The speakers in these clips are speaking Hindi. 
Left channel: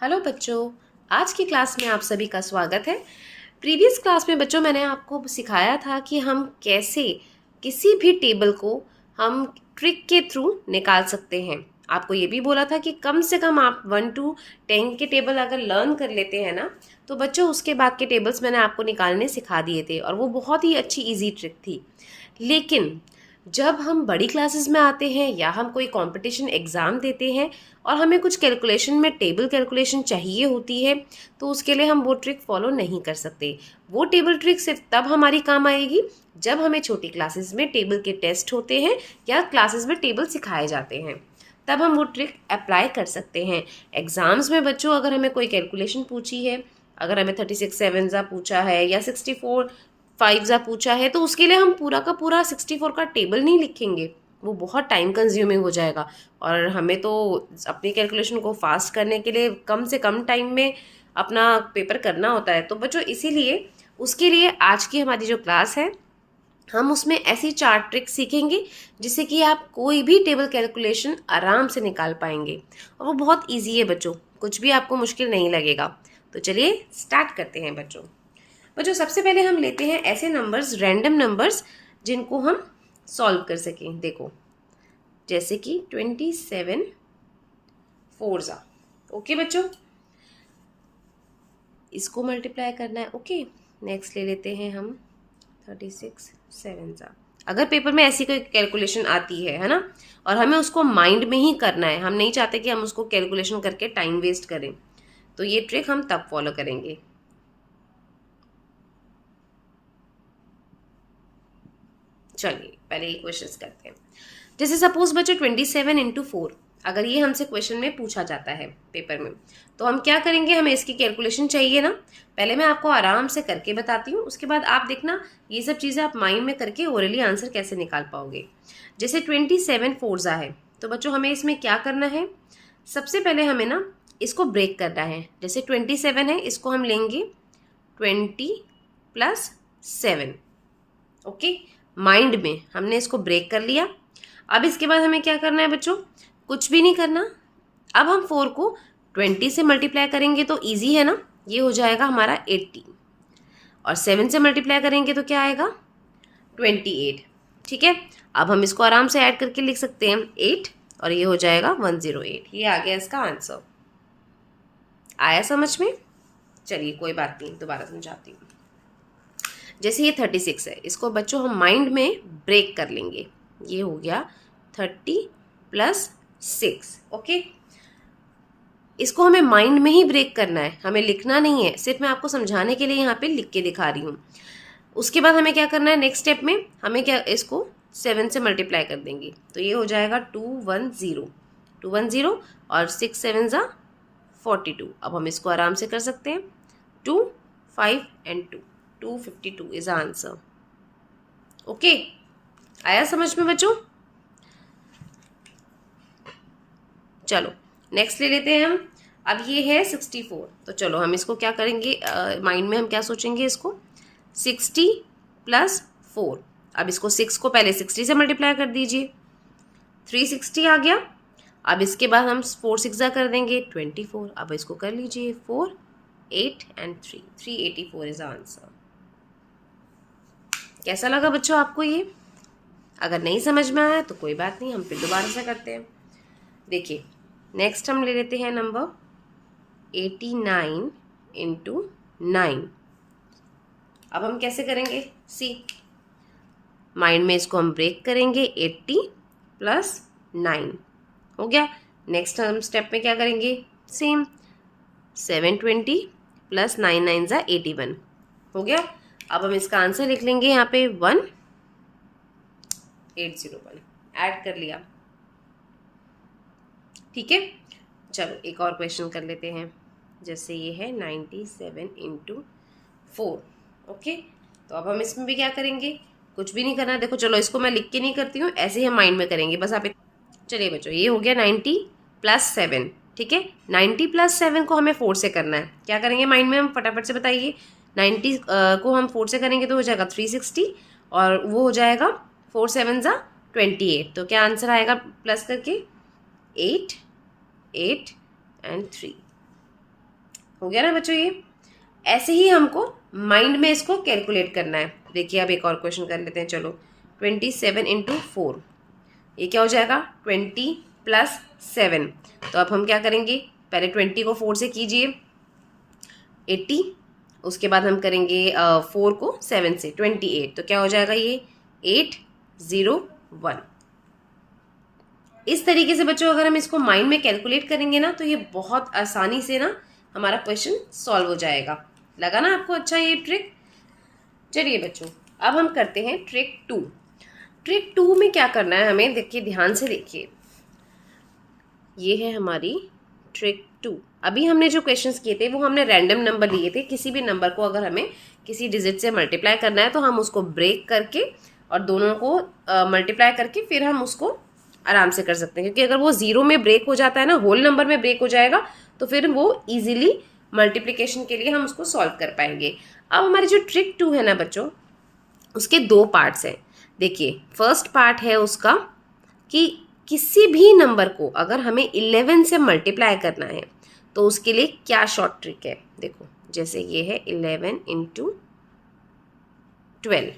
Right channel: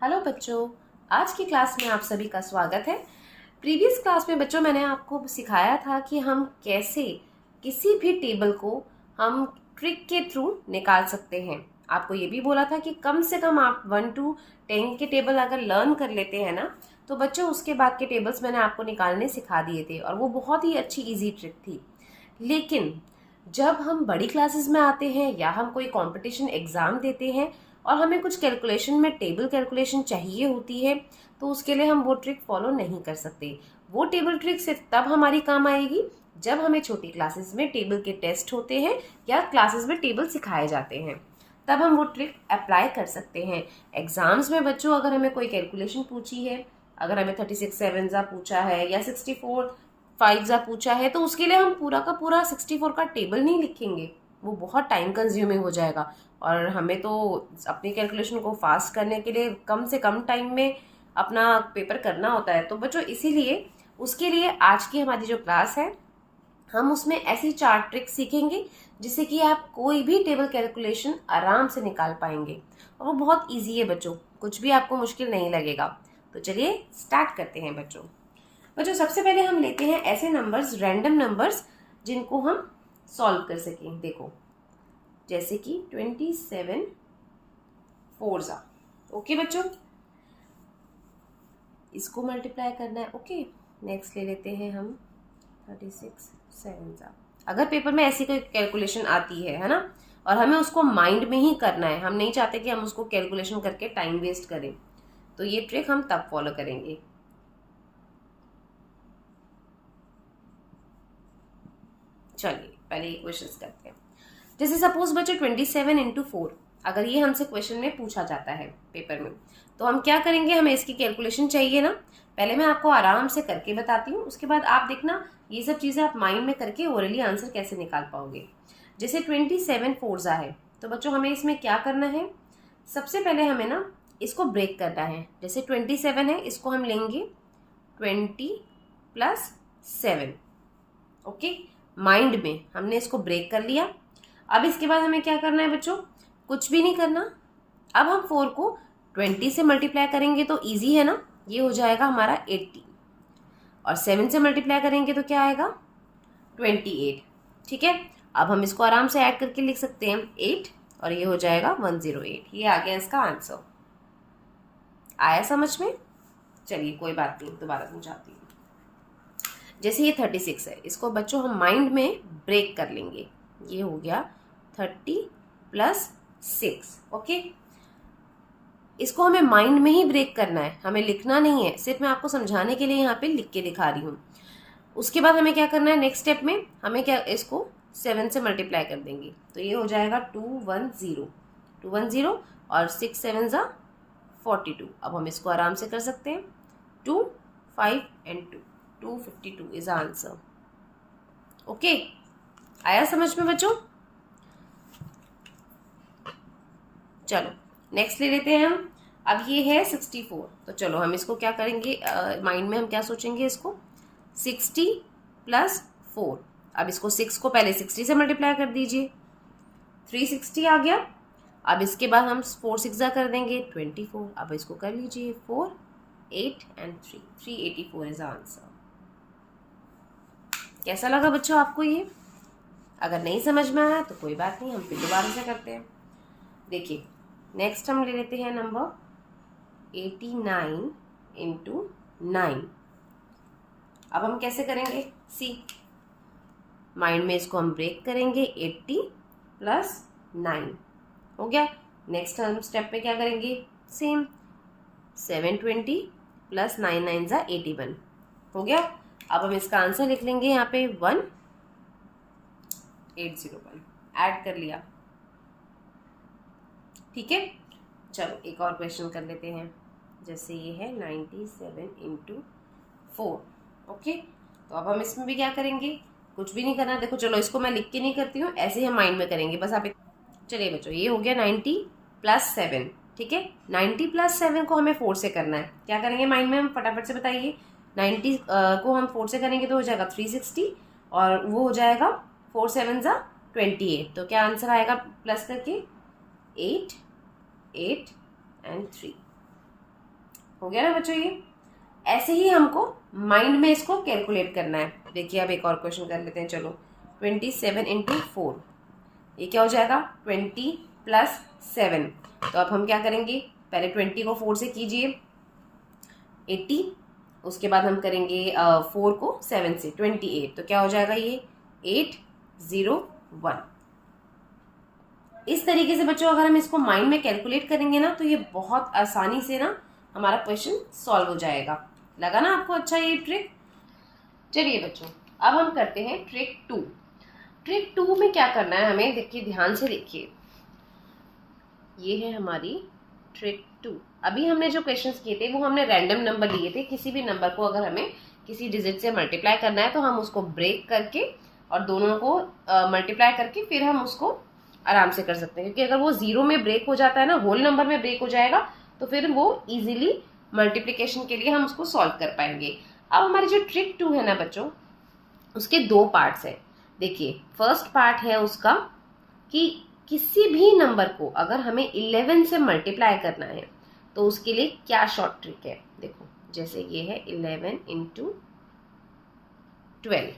हेलो बच्चों, आज की क्लास में आप सभी का स्वागत है। प्रीवियस क्लास में बच्चों मैंने आपको सिखाया था कि हम कैसे किसी भी टेबल को हम ट्रिक के थ्रू निकाल सकते हैं। आपको ये भी बोला था कि कम से कम आप 1 to 10 के टेबल अगर लर्न कर लेते हैं ना, तो बच्चों उसके बाद के टेबल्स मैंने आपको निकालने सिखा दिए थे और वो बहुत ही अच्छी ईजी ट्रिक थी। लेकिन जब हम बड़ी क्लासेस में आते हैं या हम कोई कंपटीशन एग्ज़ाम देते हैं और हमें कुछ कैलकुलेशन में टेबल कैलकुलेशन चाहिए होती है, तो उसके लिए हम वो ट्रिक फॉलो नहीं कर सकते। वो टेबल ट्रिक सिर्फ तब हमारी काम आएगी जब हमें छोटी क्लासेस में टेबल के टेस्ट होते हैं या क्लासेस में टेबल सिखाए जाते हैं, तब हम वो ट्रिक अप्लाई कर सकते हैं। एग्ज़ाम्स में बच्चों अगर हमें कोई कैलकुलेशन पूछी है, अगर हमें 36 सेवन्जा पूछा है या 64 फाइव्जा पूछा है, तो उसके लिए हम पूरा का पूरा 64 का टेबल नहीं लिखेंगे, वो बहुत टाइम कंज्यूमिंग हो जाएगा और हमें तो अपनी कैलकुलेशन को फास्ट करने के लिए कम से कम टाइम में अपना पेपर करना होता है। तो बच्चों इसीलिए उसके लिए आज की हमारी जो क्लास है, हम उसमें ऐसी 4 ट्रिक सीखेंगे जिससे कि आप कोई भी टेबल कैलकुलेशन आराम से निकाल पाएंगे और वो बहुत इजी है बच्चों, कुछ भी आपको मुश्किल नहीं लगेगा। तो चलिए स्टार्ट करते हैं बच्चों। बच्चों सबसे पहले हम लेते हैं ऐसे नंबर्स, रैंडम नंबर्स, जिनको हम सॉल्व कर सकें। देखो जैसे कि 27 फोरजा। ओके बच्चों, इसको मल्टीप्लाई करना है। ओके, नेक्स्ट ले लेते हैं हम 36 सेवन्जा। अगर पेपर में ऐसी कोई कैलकुलेशन आती है ना, और हमें उसको माइंड में ही करना है, हम नहीं चाहते कि हम उसको कैलकुलेशन करके टाइम वेस्ट करें, तो ये ट्रिक हम तब फॉलो करेंगे। चलिए पहले ये क्वेश्चंस करते हैं। जैसे सपोज बच्चों 27 इंटू 4, अगर ये हमसे क्वेश्चन में पूछा जाता है पेपर में, तो हम क्या करेंगे, हमें इसकी कैलकुलेशन चाहिए ना। पहले मैं आपको आराम से करके बताती हूँ, उसके बाद आप देखना ये सब चीज़ें आप माइंड में करके ओरली आंसर कैसे निकाल पाओगे। जैसे 27 फोरजा है, तो बच्चों हमें इसमें क्या करना है, सबसे पहले हमें ना इसको ब्रेक करना है। जैसे 27 है, इसको हम लेंगे 20 प्लस 7। ओके, माइंड में हमने इसको ब्रेक कर लिया। अब इसके बाद हमें क्या करना है बच्चों, कुछ भी नहीं करना। अब हम 4 को 20 से मल्टीप्लाई करेंगे तो इजी है ना, ये हो जाएगा हमारा 80, और 7 से मल्टीप्लाई करेंगे तो क्या आएगा 28। ठीक है, अब हम इसको आराम से ऐड करके लिख सकते हैं 8, और ये हो जाएगा 108। ये आ गया इसका आंसर। आया समझ में? चलिए कोई बात नहीं, दोबारा समझाती हूँ। जैसे ये 36 है, इसको बच्चों हम माइंड में ब्रेक कर लेंगे। ये हो गया 30 प्लस 6। ओके, इसको हमें माइंड में ही ब्रेक करना है, हमें लिखना नहीं है, सिर्फ मैं आपको समझाने के लिए यहाँ पे लिख के दिखा रही हूँ। उसके बाद हमें क्या करना है, नेक्स्ट स्टेप में हमें क्या, इसको 7 से मल्टीप्लाई कर देंगे, तो ये हो जाएगा 210 और 6 7 42। अब हम इसको आराम से कर सकते हैं, 2 5 एंड 2, 252 इज आंसर। ओके, आया समझ में बच्चों? चलो नेक्स्ट ले लेते हैं हम। अब ये है 64, तो चलो हम इसको क्या करेंगे, माइंड में हम क्या सोचेंगे, इसको 60 प्लस 4। अब इसको 6 को पहले 60 से मल्टीप्लाई कर दीजिए, 360 आ गया। अब इसके बाद हम 4 6 कर देंगे 24। अब इसको कर लीजिए 4 8 एंड 3, 384 इज आंसर। कैसा लगा बच्चों आपको ये? अगर नहीं समझ में आया तो कोई बात नहीं, हम फिर दोबारा से करते हैं। देखिए नेक्स्ट हम ले लेते हैं नंबर 89 इंटू 9। अब हम कैसे करेंगे, सी माइंड में इसको हम ब्रेक करेंगे, 80 प्लस 9 हो गया। नेक्स्ट हम स्टेप पे क्या करेंगे, सेम 720 प्लस 9 9 ज़ा 81 हो गया। अब हम इसका आंसर लिख लेंगे यहाँ पे 1801, ऐड कर लिया। ठीक है, चलो एक और क्वेश्चन कर लेते हैं। जैसे ये है 97 इंटू 4। ओके, तो अब हम इसमें भी क्या करेंगे, कुछ भी नहीं करना। देखो चलो इसको मैं लिख के नहीं करती हूँ, ऐसे ही हम माइंड में करेंगे बस। आप चलिए बच्चों, ये हो गया 90 प्लस 7। ठीक है, 90 प्लस 7 को हमें 4 से करना है। क्या करेंगे माइंड में, हम फटाफट से बताइए। 90 को हम 4 से करेंगे तो हो जाएगा 360, और वो हो जाएगा 4 7 ज़ा 28। तो क्या आंसर आएगा प्लस करके 8 8 एंड 3। हो गया ना बच्चों ये। ऐसे ही हमको माइंड में इसको कैलकुलेट करना है। देखिए अब एक और क्वेश्चन कर लेते हैं, चलो 27 इंटू 4, ये क्या हो जाएगा 20 प्लस 7। तो अब हम क्या करेंगे, पहले 20 को 4 से कीजिए 80, उसके बाद हम करेंगे 4 को 7 से 28, तो क्या हो जाएगा ये 801। इस तरीके से बच्चों अगर हम इसको माइंड में कैलकुलेट करेंगे ना तो ये बहुत आसानी से ना हमारा क्वेश्चन सॉल्व हो जाएगा। लगा ना आपको अच्छा ये ट्रिक। चलिए बच्चों अब हम करते हैं ट्रिक 2। ट्रिक 2 में क्या करना है हमें, देखिए ध्यान से देखिए, ये है हमारी ट्रिक 2। अभी हमने जो क्वेश्चंस किए थे वो हमने रैंडम नंबर लिए थे। किसी भी नंबर को अगर हमें किसी डिजिट से मल्टीप्लाई करना है तो हम उसको ब्रेक करके और दोनों को मल्टीप्लाई करके फिर हम उसको आराम से कर सकते हैं, क्योंकि अगर वो जीरो में ब्रेक हो जाता है ना, होल नंबर में ब्रेक हो जाएगा, तो फिर वो इजीली मल्टीप्लिकेशन के लिए हम उसको सॉल्व कर पाएंगे। अब हमारी जो ट्रिक 2 है ना बच्चों, उसके 2 पार्ट्स हैं। देखिए फर्स्ट पार्ट है उसका कि किसी भी नंबर को अगर हमें 11 से मल्टीप्लाई करना है तो उसके लिए क्या शॉर्ट ट्रिक है। देखो जैसे ये है 11 इंटू 12,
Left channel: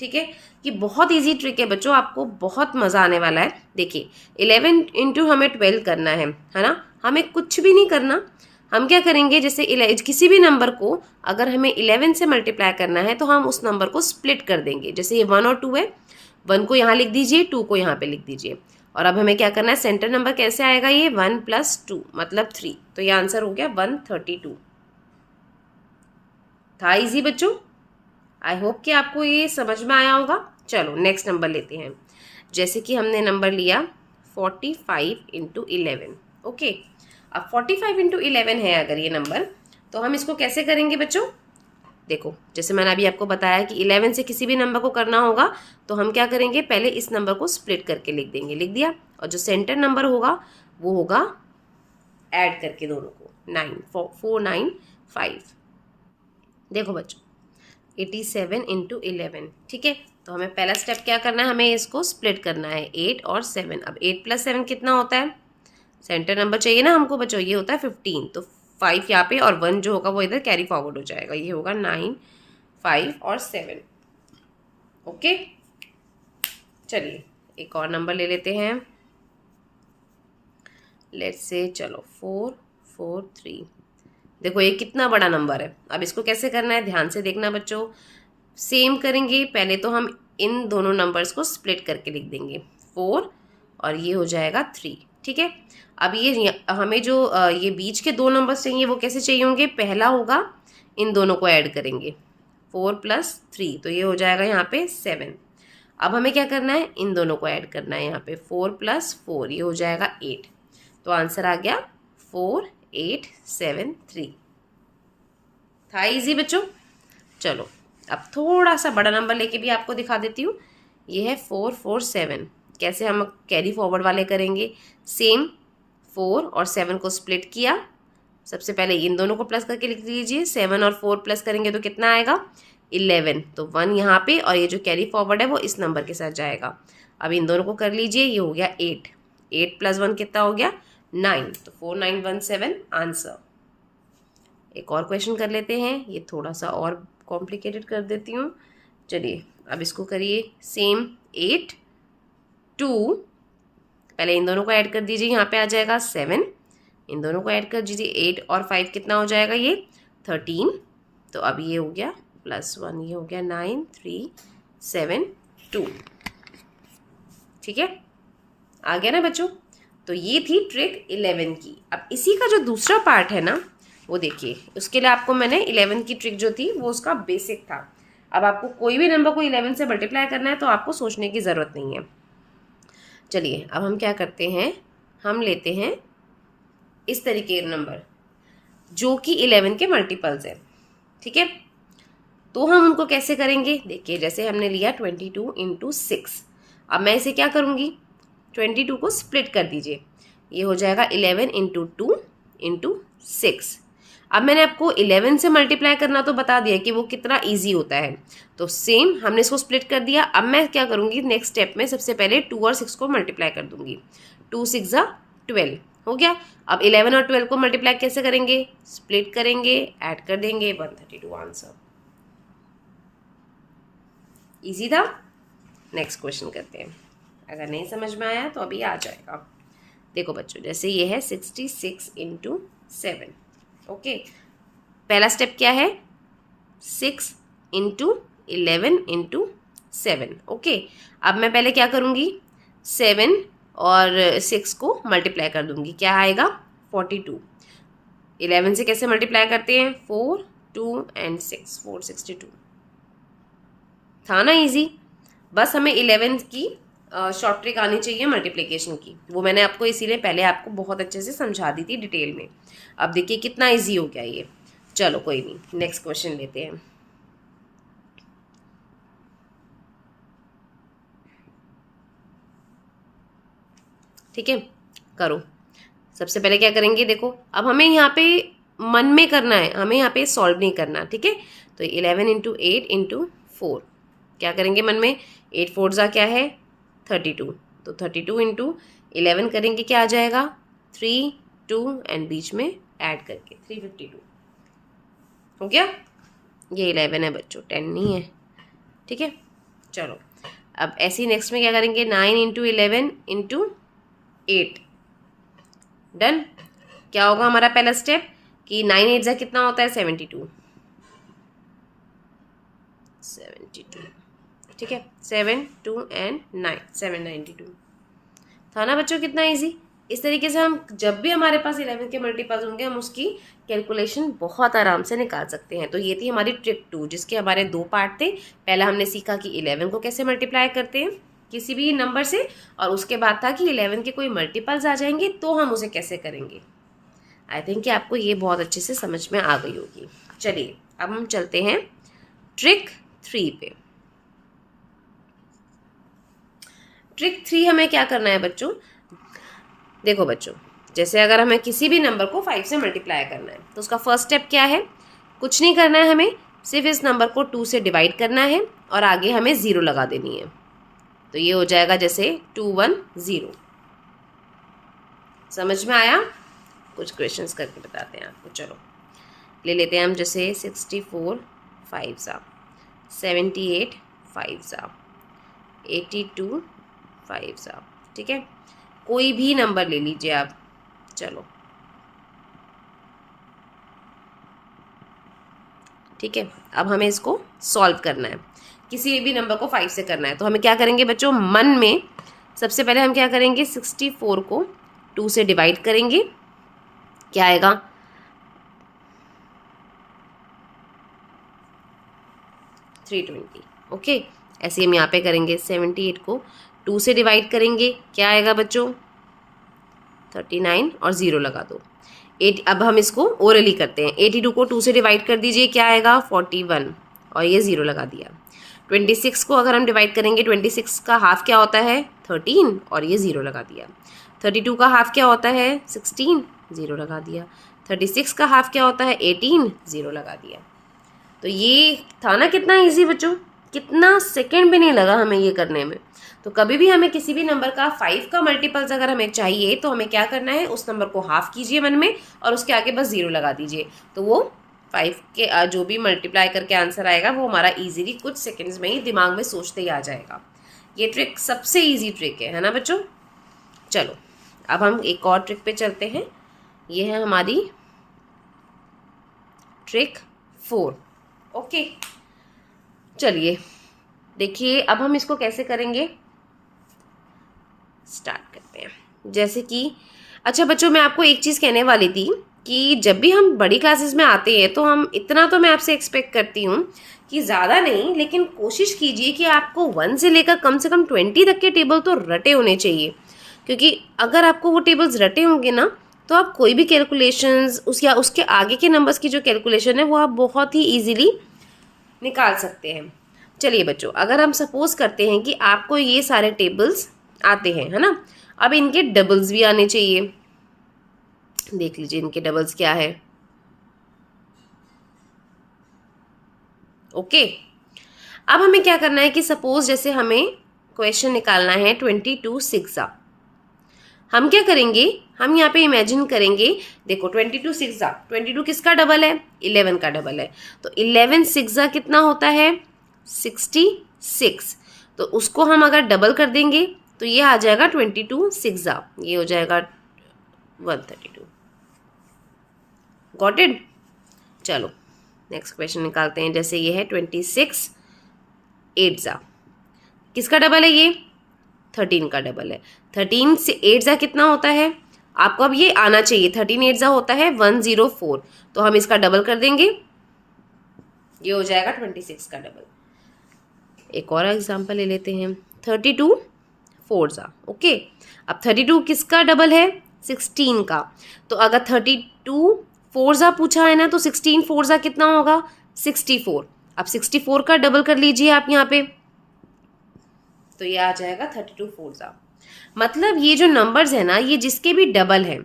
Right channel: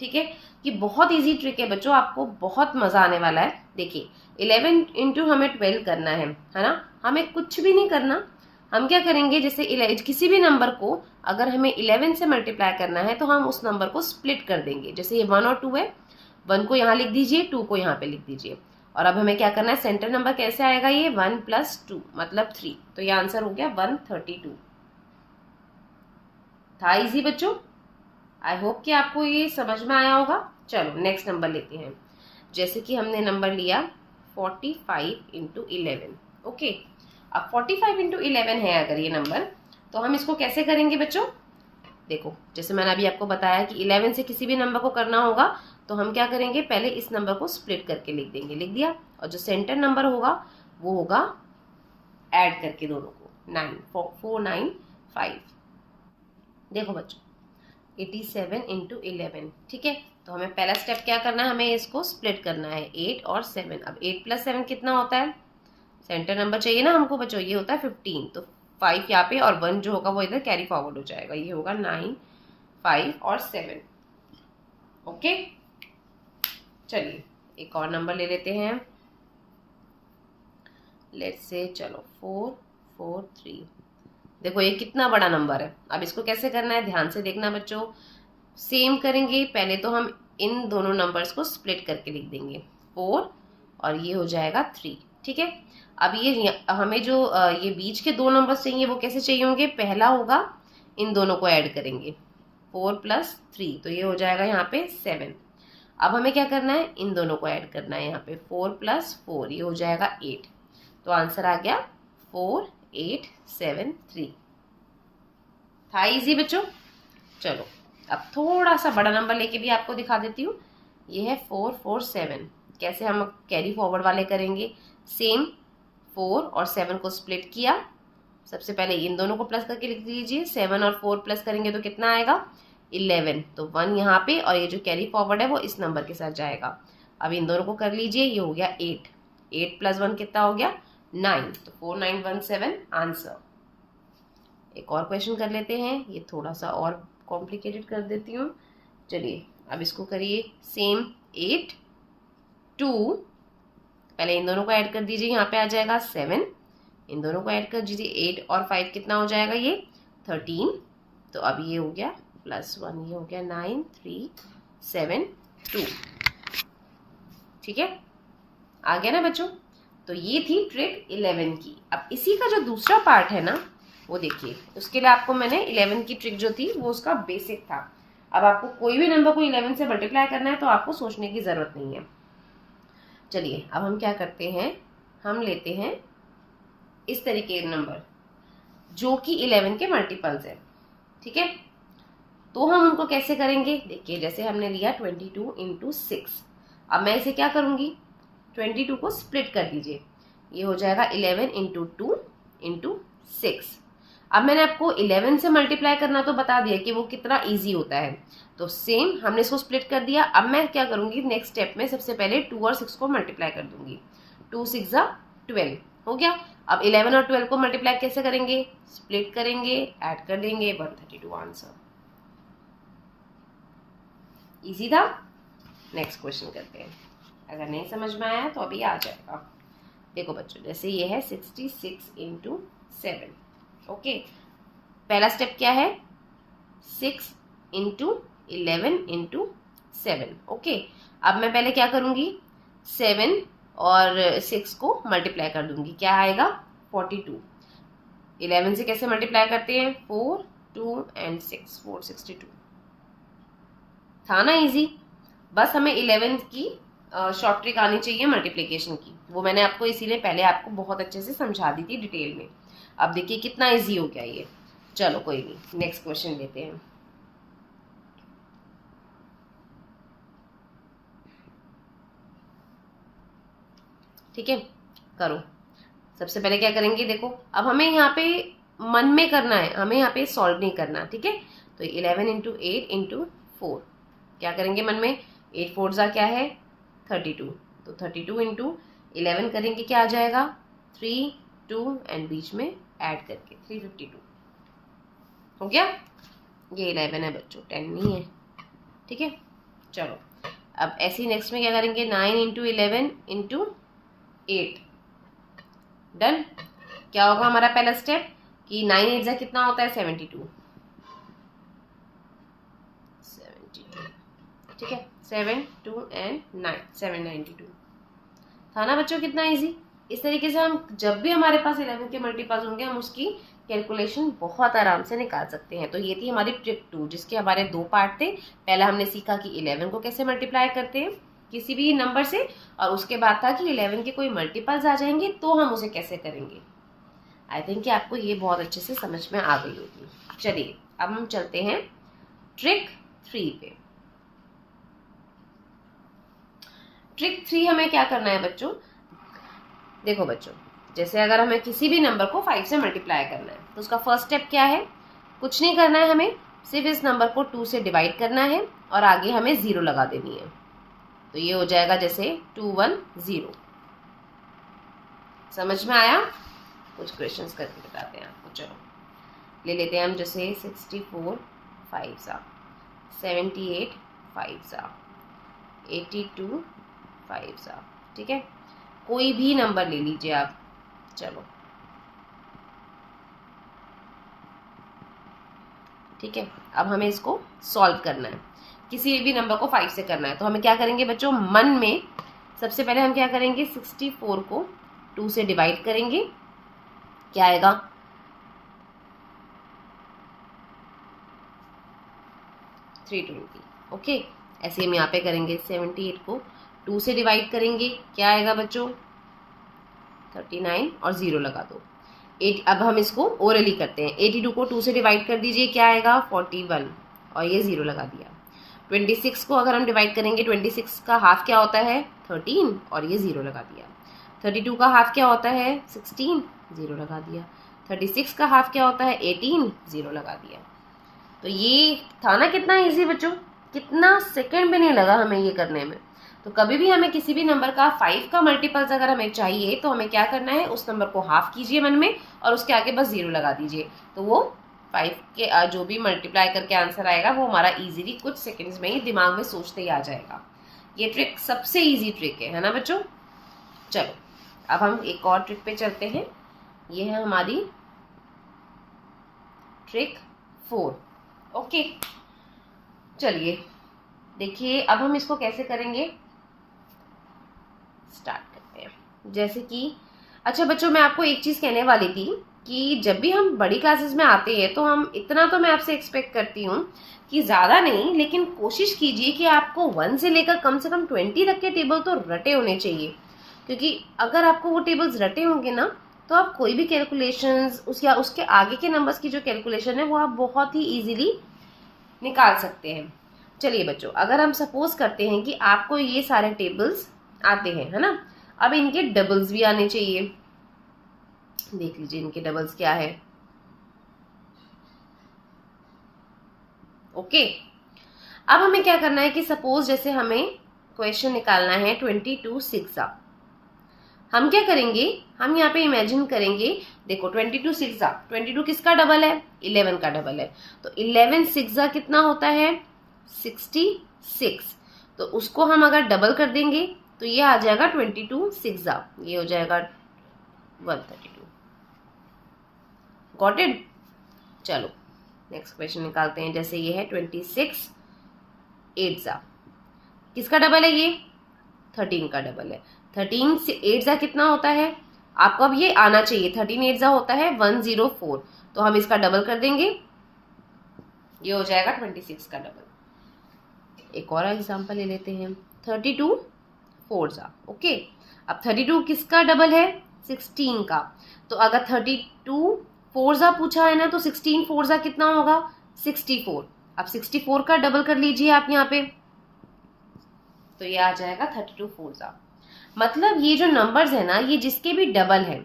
ठीक है, कि बहुत इजी ट्रिक है बच्चों, आपको बहुत मज़ा आने वाला है। देखिए 11 इंटू हमें 12 करना है ना, हमें कुछ भी नहीं करना। हम क्या करेंगे, जैसे किसी भी नंबर को अगर हमें 11 से मल्टीप्लाई करना है तो हम उस नंबर को स्प्लिट कर देंगे। जैसे ये 1 और 2 है, 1 को यहाँ लिख दीजिए, 2 को यहाँ पे लिख दीजिए। और अब हमें क्या करना है, सेंटर नंबर कैसे आएगा, ये 1 + 2 मतलब 3, तो ये आंसर हो गया 132। था इजी बच्चों, आई होप कि आपको ये समझ में आया होगा। चलो नेक्स्ट नंबर लेते हैं। जैसे कि हमने नंबर लिया 45 इंटू 11, ओके। अब 45 इंटू 11 है अगर ये नंबर, तो हम इसको कैसे करेंगे बच्चों। देखो जैसे मैंने अभी आपको बताया कि 11 से किसी भी नंबर को करना होगा तो हम क्या करेंगे, पहले इस नंबर को स्प्लिट करके लिख देंगे, लिख दिया, और जो सेंटर नंबर होगा वो होगा ऐड करके दोनों को 495। देखो बच्चों 87 इंटू 11, ठीक है। तो हमें पहला स्टेप क्या करना है, हमें इसको स्प्लिट करना है 8 और 7। अब 8 + 7 कितना होता है, सेंटर नंबर चाहिए ना हमको बच्चों, ये होता है 15, तो 5 यहाँ पे और 1 जो होगा वो इधर कैरी फॉरवर्ड हो जाएगा, ये होगा 9, 5 और 7, ओके। चलिए एक और नंबर ले लेते हैं, लेट्स से चलो 443। देखो ये कितना बड़ा नंबर है। अब इसको कैसे करना है, ध्यान से देखना बच्चों। सेम करेंगे, पहले तो हम इन दोनों नंबर्स को स्प्लिट करके लिख देंगे 4 और ये हो जाएगा 3, ठीक है। अब ये हमें जो ये बीच के 2 नंबर चाहिए वो कैसे चाहिए होंगे, पहला होगा इन दोनों को ऐड करेंगे 4 + 3, तो ये हो जाएगा यहाँ पे 7। अब हमें क्या करना है, इन दोनों को ऐड करना है यहाँ पे 4 + 4, ये हो जाएगा 8, तो आंसर आ गया 4873। था इजी बच्चों। चलो अब थोड़ा सा बड़ा नंबर लेके भी आपको दिखा देती हूँ। ये है 447। कैसे हम कैरी फॉरवर्ड वाले करेंगे, सेम 4 और 7 को स्प्लिट किया, सबसे पहले इन दोनों को प्लस करके लिख लीजिए, 7 और 4 प्लस करेंगे तो कितना आएगा 11, तो 1 यहाँ पे, और ये जो कैरी फॉरवर्ड है वो इस नंबर के साथ जाएगा। अब इन दोनों को कर लीजिए, ये हो गया 8, 8 + 1 कितना हो गया 9, तो 4917 आंसर। एक और क्वेश्चन कर लेते हैं, ये थोड़ा सा और कॉम्प्लिकेटेड कर देती हूँ। चलिए अब इसको करिए सेम 8 2, पहले इन दोनों को ऐड कर दीजिए, यहाँ पे आ जाएगा 7, इन दोनों को ऐड कर दीजिए 8 और 5 कितना हो जाएगा ये 13, तो अब ये हो गया +1, ये हो गया 9372, ठीक है, आ गया ना बच्चों। तो ये थी ट्रिक 11 की। अब इसी का जो दूसरा पार्ट है ना वो देखिए, उसके लिए आपको मैंने 11 की ट्रिक जो थी वो उसका बेसिक था। अब आपको कोई भी नंबर को 11 से मल्टीप्लाई करना है तो आपको सोचने की ज़रूरत नहीं है। चलिए अब हम क्या करते हैं, हम लेते हैं इस तरीके के नंबर जो कि 11 के मल्टीपल्स है, ठीक है। तो हम उनको कैसे करेंगे, देखिए जैसे हमने लिया 22 इंटू 6। अब मैं इसे क्या करूँगी, 22 को स्प्लिट कर दीजिए, ये हो जाएगा 11 इंटू 2 इंटू 6। अब मैंने आपको 11 से मल्टीप्लाई करना तो बता दिया कि वो कितना इजी होता है, तो सेम हमने इसको स्प्लिट कर दिया। अब मैं क्या करूँगी, नेक्स्ट स्टेप में सबसे पहले 2 और 6 को मल्टीप्लाई कर दूंगी, 2 6 = 12 हो गया। अब 11 और 12 को मल्टीप्लाई कैसे करेंगे? स्प्लिट करेंगे, ऐड कर देंगे, 132 आंसर। इजी था। नेक्स्ट क्वेश्चन करते हैं। अगर नहीं समझ में आया तो अभी आ जाएगा। देखो बच्चों, जैसे ये है 66 इंटू 7। ओके, पहला स्टेप क्या है? 6 इंटू 11 इंटू 7। ओके, अब मैं पहले क्या करूँगी? 7 और 6 को मल्टीप्लाई कर दूंगी। क्या आएगा? 42। 11 से कैसे मल्टीप्लाई करते हैं? 4, 2 एंड 6, 462। था ना इजी? बस हमें 11 की शॉर्ट ट्रिक आनी चाहिए मल्टीप्लिकेशन की। वो मैंने आपको इसीलिए पहले आपको बहुत अच्छे से समझा दी थी डिटेल में। अब देखिए कितना इजी हो गया ये। चलो कोई नहीं, नेक्स्ट क्वेश्चन लेते हैं। ठीक है, करो। सबसे पहले क्या करेंगे? देखो, अब हमें यहाँ पे मन में करना है, हमें यहाँ पे सॉल्व नहीं करना। ठीक है, तो 11 इंटू 8 इंटू 4 क्या करेंगे मन में? 8 4 जा क्या है? 32। तो 32 इंटू 11 करेंगे, क्या आ जाएगा? 3, 2 एंड बीच में ऐड करके 352 हो गया। ये 11 है बच्चों, 10 नहीं है। ठीक है, चलो अब ऐसे नेक्स्ट में क्या करेंगे? 9 इंटू 11 इंटू 8। डन। क्या होगा हमारा पहला स्टेप? कि 9 8 जा कितना होता है? 72। 72। ठीक है, 7 2 एंड 9, 792। था ना बच्चों कितना इजी? इस तरीके से हम जब भी हमारे पास 11 के मल्टीपल्स होंगे हम उसकी कैलकुलेशन बहुत आराम से निकाल सकते हैं। तो ये थी हमारी ट्रिक 2, जिसके हमारे 2 पार्ट थे। पहला हमने सीखा कि 11 को कैसे मल्टीप्लाई करते हैं किसी भी नंबर से, और उसके बाद था कि 11 के कोई मल्टीपल्स आ जाएंगे तो हम उसे कैसे करेंगे। आई थिंक कि आपको ये बहुत अच्छे से समझ में आ गई होगी। चलिए अब हम चलते हैं ट्रिक 3 पे। ट्रिक 3 हमें क्या करना है बच्चों? देखो बच्चों, जैसे अगर हमें किसी भी नंबर को 5 से मल्टीप्लाई करना है तो उसका फर्स्ट स्टेप क्या है? कुछ नहीं करना है, हमें सिर्फ इस नंबर को 2 से डिवाइड करना है और आगे हमें 0 लगा देनी है। तो ये हो जाएगा जैसे 210। समझ में आया? कुछ क्वेश्चंस करके बताते हैं आपको। चलो ले लेते हैं हम, जैसे 64 5 सा, 78 5 सा, 82 5 सा। ठीक है, कोई भी नंबर ले लीजिए आप। चलो ठीक है, अब हमें इसको सॉल्व करना है। किसी भी नंबर को 5 से करना है तो हमें क्या करेंगे बच्चों? मन में सबसे पहले हम क्या करेंगे? 64 को 2 से डिवाइड करेंगे। क्या आएगा? 320। ओके, ऐसे हम यहाँ पे करेंगे। 78 को 2 से डिवाइड करेंगे, क्या आएगा बच्चों? 39 और 0 लगा दो। 8। अब हम इसको ओरली करते हैं। 82 को 2 से डिवाइड कर दीजिए, क्या आएगा? 41 और ये 0 लगा दिया। 26 को अगर हम डिवाइड करेंगे, 26 का हाफ क्या होता है? 13 और ये 0 लगा दिया। 32 का हाफ क्या होता है? 16, 0 लगा दिया। 36 का हाफ क्या होता है? 18, 0 लगा दिया। तो ये था ना कितना इजी बच्चों? कितना सेकंड भी नहीं लगा हमें ये करने में। तो कभी भी हमें किसी भी नंबर का 5 का मल्टीपल्स अगर हमें चाहिए तो हमें क्या करना है? उस नंबर को हाफ कीजिए मन में और उसके आगे बस 0 लगा दीजिए। तो वो 5 के जो भी मल्टीप्लाई करके आंसर आएगा वो हमारा इजीली कुछ सेकंड्स में ही दिमाग में सोचते ही आ जाएगा। ये ट्रिक सबसे ईजी ट्रिक है ना बच्चों? चलो अब हम एक और ट्रिक पे चलते हैं। ये है हमारी ट्रिक 4। ओके, चलिए देखिए अब हम इसको कैसे करेंगे, स्टार्ट करते हैं। जैसे कि अच्छा बच्चों, मैं आपको एक चीज़ कहने वाली थी कि जब भी हम बड़ी क्लासेस में आते हैं तो हम इतना तो मैं आपसे एक्सपेक्ट करती हूँ कि ज़्यादा नहीं, लेकिन कोशिश कीजिए कि आपको 1 से लेकर कम से कम 20 तक के टेबल तो रटे होने चाहिए। क्योंकि अगर आपको वो टेबल्स रटे होंगे ना तो आप कोई भी कैलकुलेशंस उस या उसके आगे के नंबर्स की जो कैलकुलेशन है वो आप बहुत ही ईजिली निकाल सकते हैं। चलिए बच्चों, अगर हम सपोज करते हैं कि आपको ये सारे टेबल्स आते हैं, है ना? अब इनके डबल्स भी आने चाहिए। देख लीजिए इनके डबल्स क्या है। ओके, अब हमें क्या करना है कि सपोज जैसे हमें क्वेश्चन निकालना है 22 6 सा। हम क्या करेंगे, हम यहाँ पे इमेजिन करेंगे, देखो 22 सिक्सा, 22 किसका डबल है, 11 का डबल है, तो 11 सिक्सा कितना होता है, 66। तो उसको हम अगर डबल कर देंगे तो ये आ जाएगा 22 सिक्सा, ये हो जाएगा 132। Got it. चलो नेक्स्ट क्वेश्चन निकालते हैं। जैसे ये है 26 8 किसका डबल है, ये 13 का डबल है। 13 से 8 कितना होता है, आपको अब ये आना चाहिए, 13 8 होता है 104, तो हम इसका डबल कर देंगे, ये हो जाएगा 26 का डबल। एक और एग्जांपल ले लेते हैं, 32 4 ओके। अब 32 किसका डबल है, 16 का। तो अगर 32 4 पूछा है ना, तो 16 4 कितना होगा, 64। अब 64 का डबल कर लीजिए आप यहाँ पे, तो ये आ जाएगा 32 4। मतलब ये जो नंबर्स है ना, ये जिसके भी डबल है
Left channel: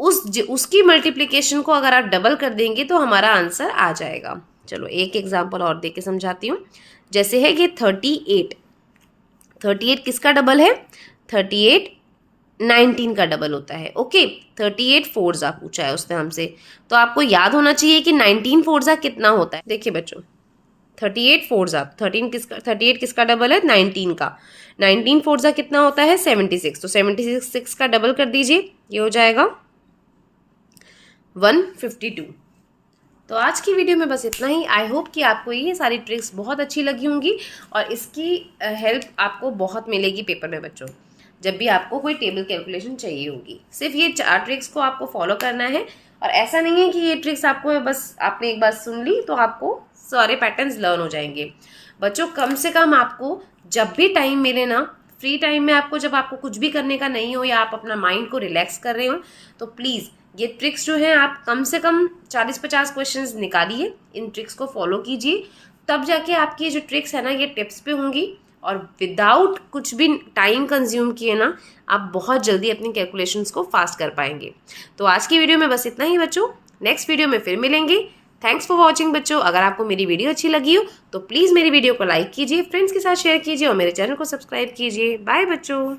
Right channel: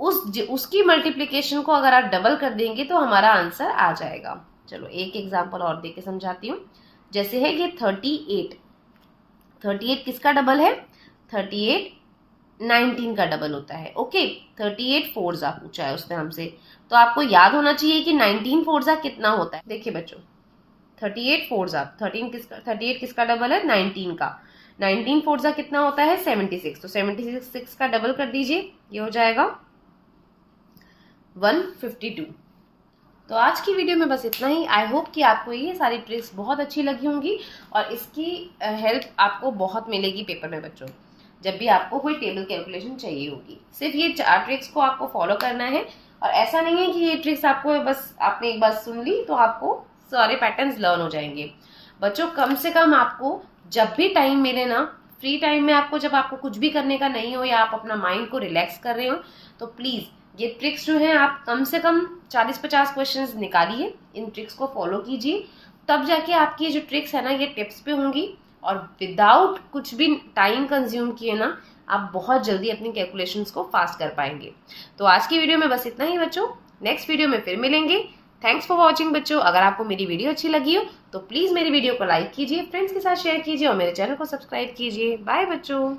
उसकी मल्टीप्लिकेशन को अगर आप डबल कर देंगे तो हमारा आंसर आ जाएगा। चलो एक एग्जांपल और देके समझाती हूँ। जैसे है कि 38 किसका डबल है, 38 19 का डबल होता है। ओके 38 4 पूछा है उसने हमसे, तो आपको याद होना चाहिए कि 19 4 कितना होता है। देखिए बच्चों 38 4 किसका डबल है, 19 का। 19 4 कितना होता है, 76। तो 76 का डबल कर दीजिए, ये हो जाएगा 152। तो आज की वीडियो में बस इतना ही। आई होप कि आपको ये सारी ट्रिक्स बहुत अच्छी लगी होंगी और इसकी हेल्प आपको बहुत मिलेगी पेपर में बच्चों, जब भी आपको कोई टेबल कैलकुलेशन चाहिए होगी। सिर्फ ये 4 ट्रिक्स को आपको फॉलो करना है, और ऐसा नहीं है कि ये ट्रिक्स आपको बस आपने एक बार सुन ली तो आपको सारे पैटर्न्स लर्न हो जाएंगे। बच्चों कम से कम आपको जब भी टाइम मिले ना, फ्री टाइम में आपको, जब आपको कुछ भी करने का नहीं हो या आप अपना माइंड को रिलैक्स कर रहे हो, तो प्लीज़ ये ट्रिक्स जो है आप कम से कम 40-50 क्वेश्चंस निकालिए, इन ट्रिक्स को फॉलो कीजिए, तब जाके आपकी ये जो ट्रिक्स है ना ये टिप्स पे होंगी, और विदाउट कुछ भी टाइम कंज्यूम किए ना आप बहुत जल्दी अपनी कैलकुलेशंस को फास्ट कर पाएंगे। तो आज की वीडियो में बस इतना ही बच्चों, नेक्स्ट वीडियो में फिर मिलेंगे। थैंक्स फॉर वॉचिंग बच्चों। अगर आपको मेरी वीडियो अच्छी लगी हो तो प्लीज़ मेरी वीडियो को लाइक कीजिए, फ्रेंड्स के साथ शेयर कीजिए और मेरे चैनल को सब्सक्राइब कीजिए। बाय बच्चों।